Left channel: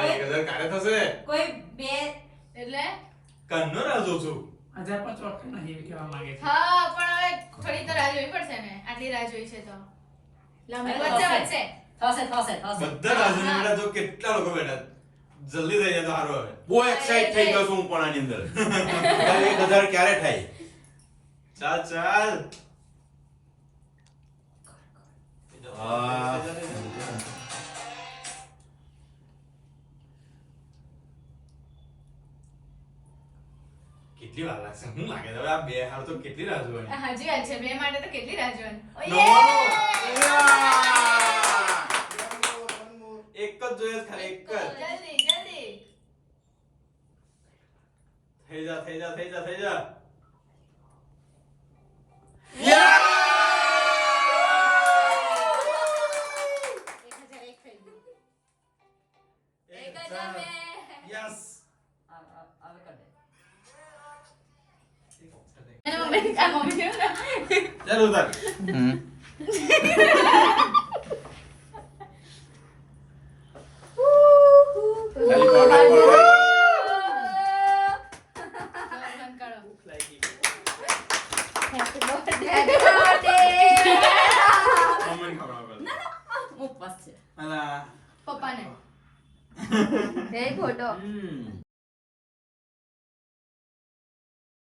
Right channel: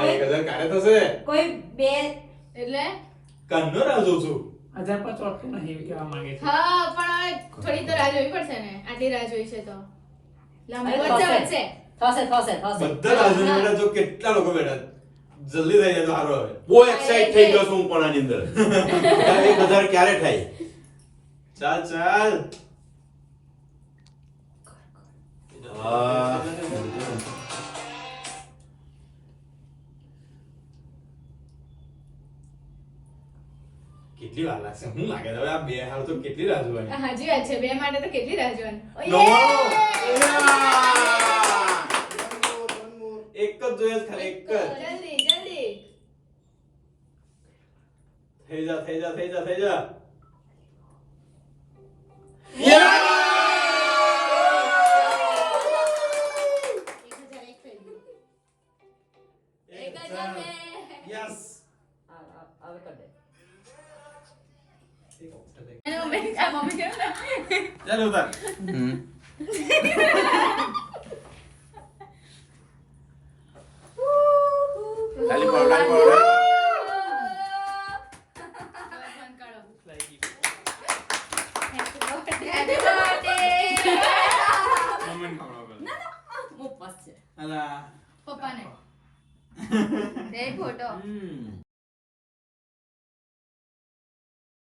આ 1000 કાઢે થશે કોઈ બે એટલે કન્નો રાહ જોઉં છું 1005 વાગતું નહીં એવું કહેવા માંગે છે. હા પણ હવે થોડી તો રાહ જોવી પડશે ને આટલી રાહ જોઈ છે તો લાંબુ વચ્ચે વચ્ચે થશે બધા રાહ જોઈને બેઠા તો કેટલા લોકો બેઠા જલ્દી થઈ જાય તો સારું હવે બહુ એક્સાઇટ થઈ ગયો છું હું પણ આની અંદર 1000 ક્યારે થાય ચાલ ચાલ હા. કેટલી વાર લાગશે હું લાગે છે હવે આ બે હાલ તો કેટલી રાહ જોવાની હાજી વાત છે બે માટે તો કેટલી રાહ જોવાની એક જ જોઈએ ખાલી એક જ જલ્દી જલ્દી થઈ જા થઈ જા થઈ જા થઈ જા યસ ચાલો ઉતાર ખાલી પાવડા કોમેન્ટ ખવડાવો અલા પપ્પાને એ ફોટો